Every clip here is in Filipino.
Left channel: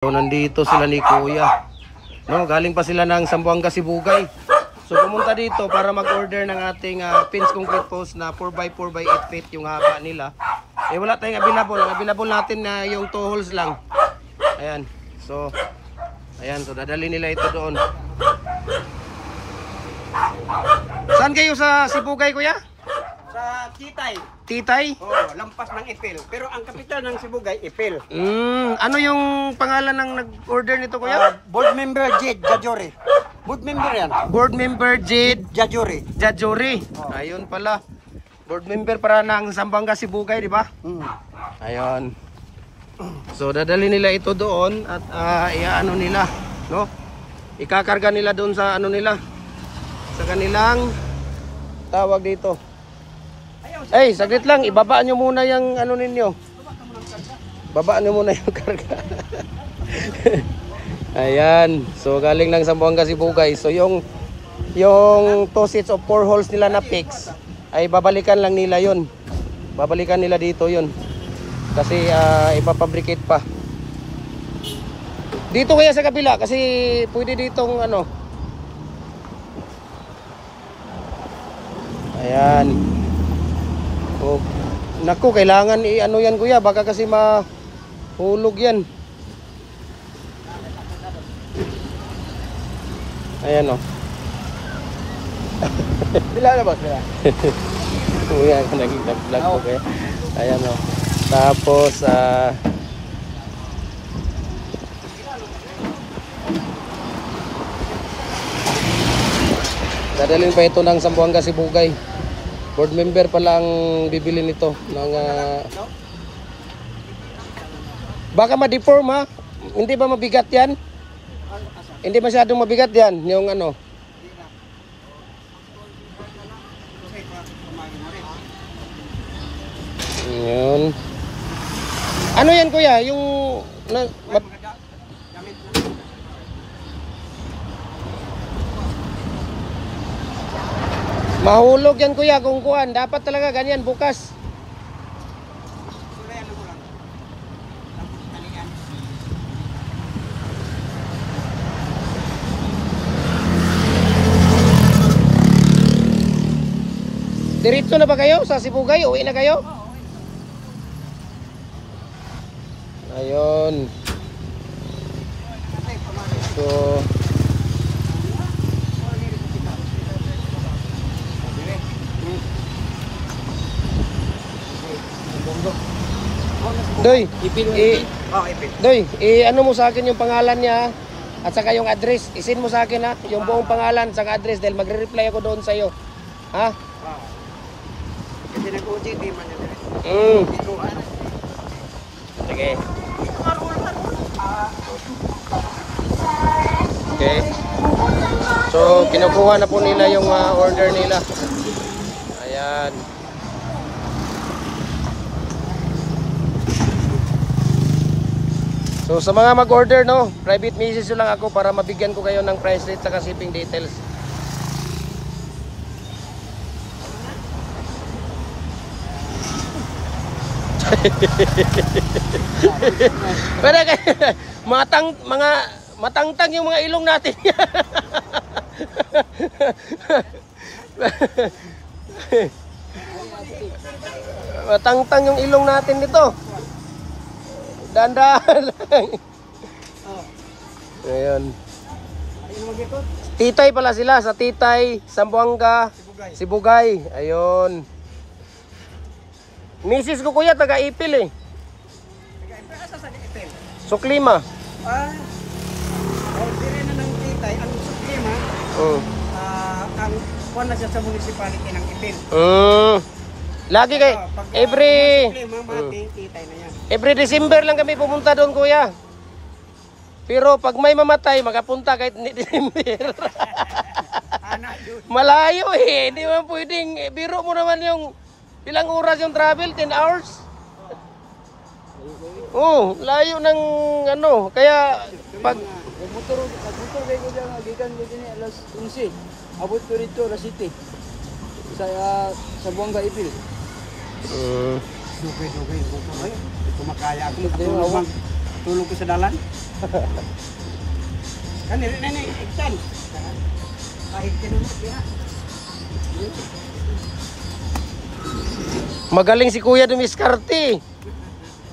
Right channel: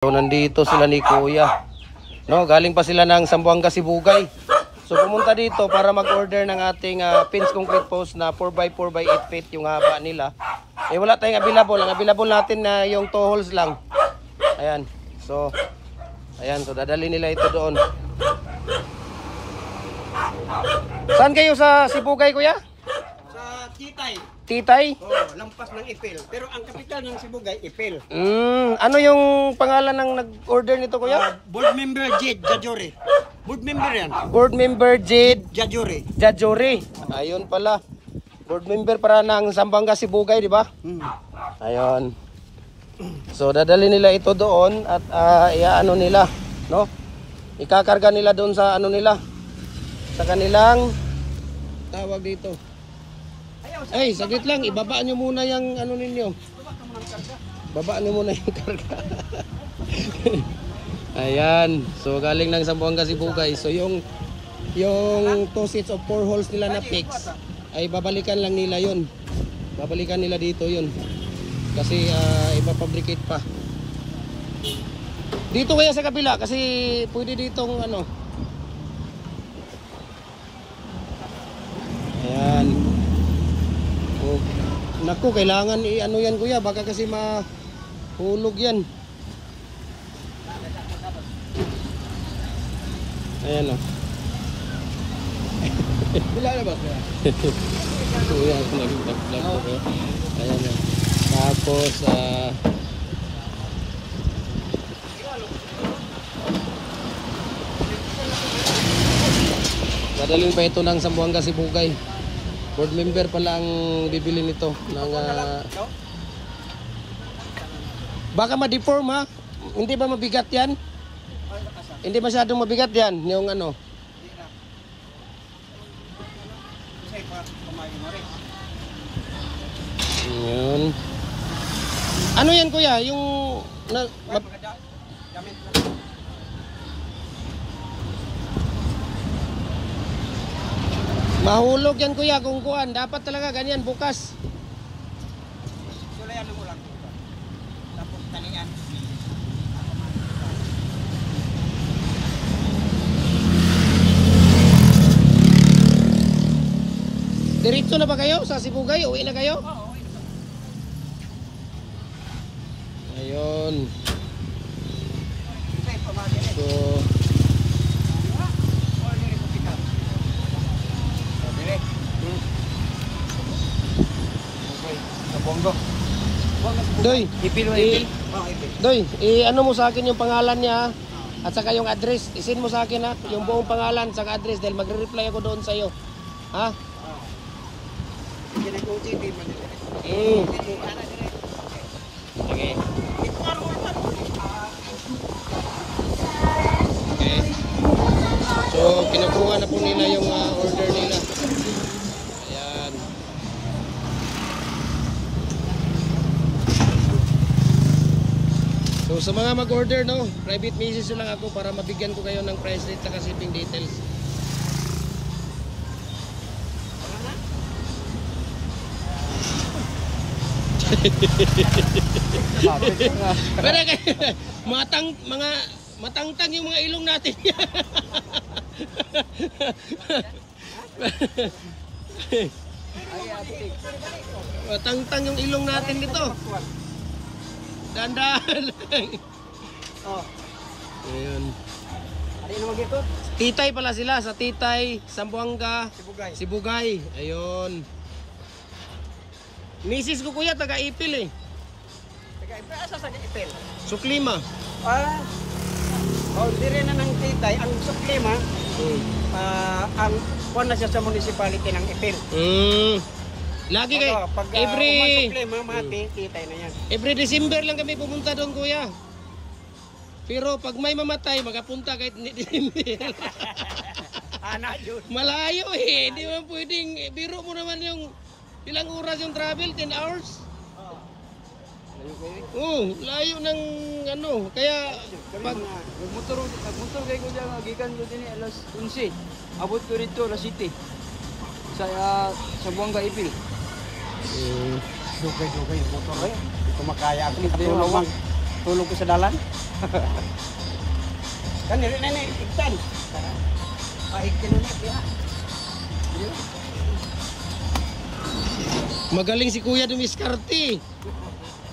So, nandito sila ni Kuya. No, galing pa sila ng Zamboanga, Sibugay. So pumunta dito para mag-order ng ating pins concrete post na 4x4x8 feet yung haba nila. Eh wala tayong available. Ang available natin na yung 2 holes lang. Ayan. So ayan, so dadali nila ito doon. Saan kayo sa Sibugay, Kuya? Sa Titay. Titay? Oo, lampas ng Ipil. Pero ang kapital ng Sibugay, Ipil. Ano yung pangalan ng nag-order nito, Kuya? Board member Jade Jajore. Board member yan. Board member Jade Jajore. Jajore. Ayun pala. Board member para ng Zamboanga, Sibugay, di ba? Ayun. So dadali nila ito doon at iaano nila, no? Ikakarga nila doon sa ano nila. Sa kanilang tawag dito. Ay, saglit lang, ibaba nyo muna yung ano ninyo. Baba nyo muna yung karga. Ayan, so galing ng Zamboanga, Sibugay. So yung 2 sets of 4 holes nila na fix ay babalikan lang nila yun. Babalikan nila dito yun. Kasi ipapabricate pa. Dito kaya sa kabila kasi pwede ditong ano. Ayan. Oh, naku, kailangan i-ano yan, Kuya, baka kasi mahulog yan. Ayan o. Bila na ba? Kuya, nag-vlog ko kaya. Ayan o. Tapos, dadalhin pa ito ng Zamboanga, Sibugay. Board member pala ang bibili nito ng baka ma-deform ha. Hindi ba mabigat yan? Hindi masyadong mabigat yan yung ano. Yun. Ano yan, Kuya? Yung mahulog yan, Kuya, kung kuhan. Dapat talaga ganyan bukas. Sulayan mo lang. Tapos talian. Diretso na ba kayo sa Sibugay? Uwi na kayo? Ayun. So Doy, Doy, ano mo sa akin yung pangalan niya at saka yung address. Isin mo sa akin ha, yung buong pangalan at saka address dahil magre-reply ako doon sa iyo. Ha? Kasi nag-OJT man yun. Sige. Okay. So, kinukuha na po nila yung order nila. Ayan. So sa mga mag-order, no, private message lang ako para mabigyan ko kayo ng price rate at shipping details. Pero mga matangtang yung mga ilong natin. Matangtang yung ilong natin nito. Dandan lang. Ayun. Titay pala sila sa Titay, Zamboanga, Sibugay. Ayun. Misis ko, Kuya, taga Ipil eh. Taga Ipil? Asa sa Ipil? Suklima. Dire na ng Titay. Ang Suklima, ang kuwan na siya sa municipality ng Ipil. Lagi kay every December lang kami pumunta doon, Kuya. Pero pag may mamatay, makapunta kahit December. Malayo eh. Hindi man pwedeng, biro mo naman yung ilang oras yung travel, 10 hours. Layo ng ano, kaya pag motor kayo ko diyan, gikan ko din alas 11. Abot ko dito alas 7. Sa Zamboanga, Ipil. Dugay. Ito makaya ako. tulog ko sa dalan. Kan nene iksan. Kahit kinunit ya. Magaling si Kuya dumiskarte.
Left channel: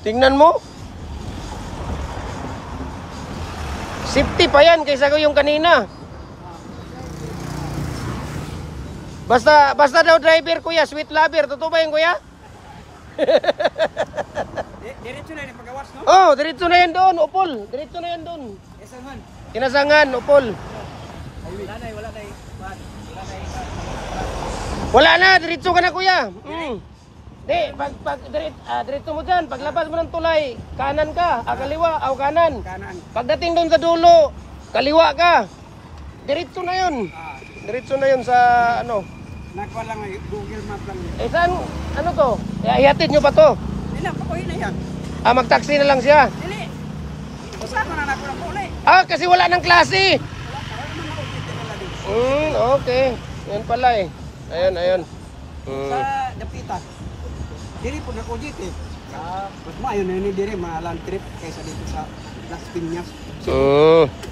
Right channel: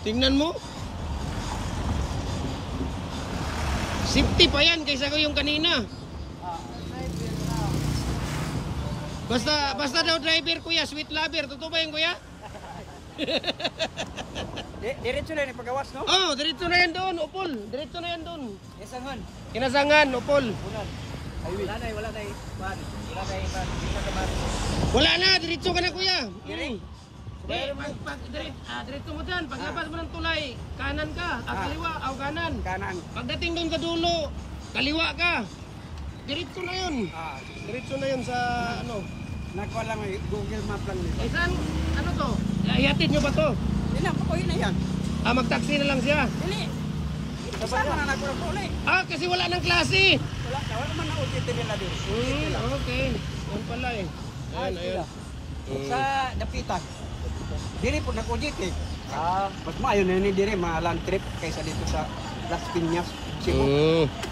Tingnan mo. Safety pa yan kaysa ko yung kanina. Basta daw driver Kuya, sweet lover. Totoo ba yun Kuya? Diretso na ni pagawas no? Oh, diretso na yan doon, Upol. Diretso na yan doon. Yasangan. Kinasangan, Upol. Wala na. Wala na, diretso ka na Kuya. Di, diretso mo dyan. Paglabas mo ng tulay, kanan ka, kaliwa, kanan. Kanan. Pagdating doon sa dulo, kaliwa ka. Diretso na yun. Diretso na yun sa ano. Nakuha lang may Google Map lang nila. Eh saan, ano to? Ihatid nyo ba to? Hindi na, pakuhin na yan. Magtaksi na lang siya. Dili. Saan na nakuha lang kulay? Kasi wala ng klase. Wala man ako dito nila din. Okay. Yan pala eh. Ayun. Sa Dapitan. Diri po nakuha dito eh. Mas maayon na yun diri, land trip kaysa dito sa Las Piñas.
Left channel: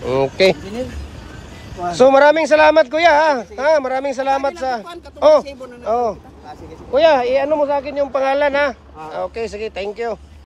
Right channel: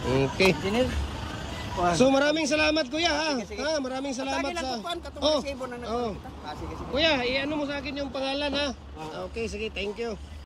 Okay. Dinil. So maraming salamat Kuya ha. Maraming salamat sa... Kuya, i-ano mo sa akin yung pangalan ha. Okay, sige, thank you.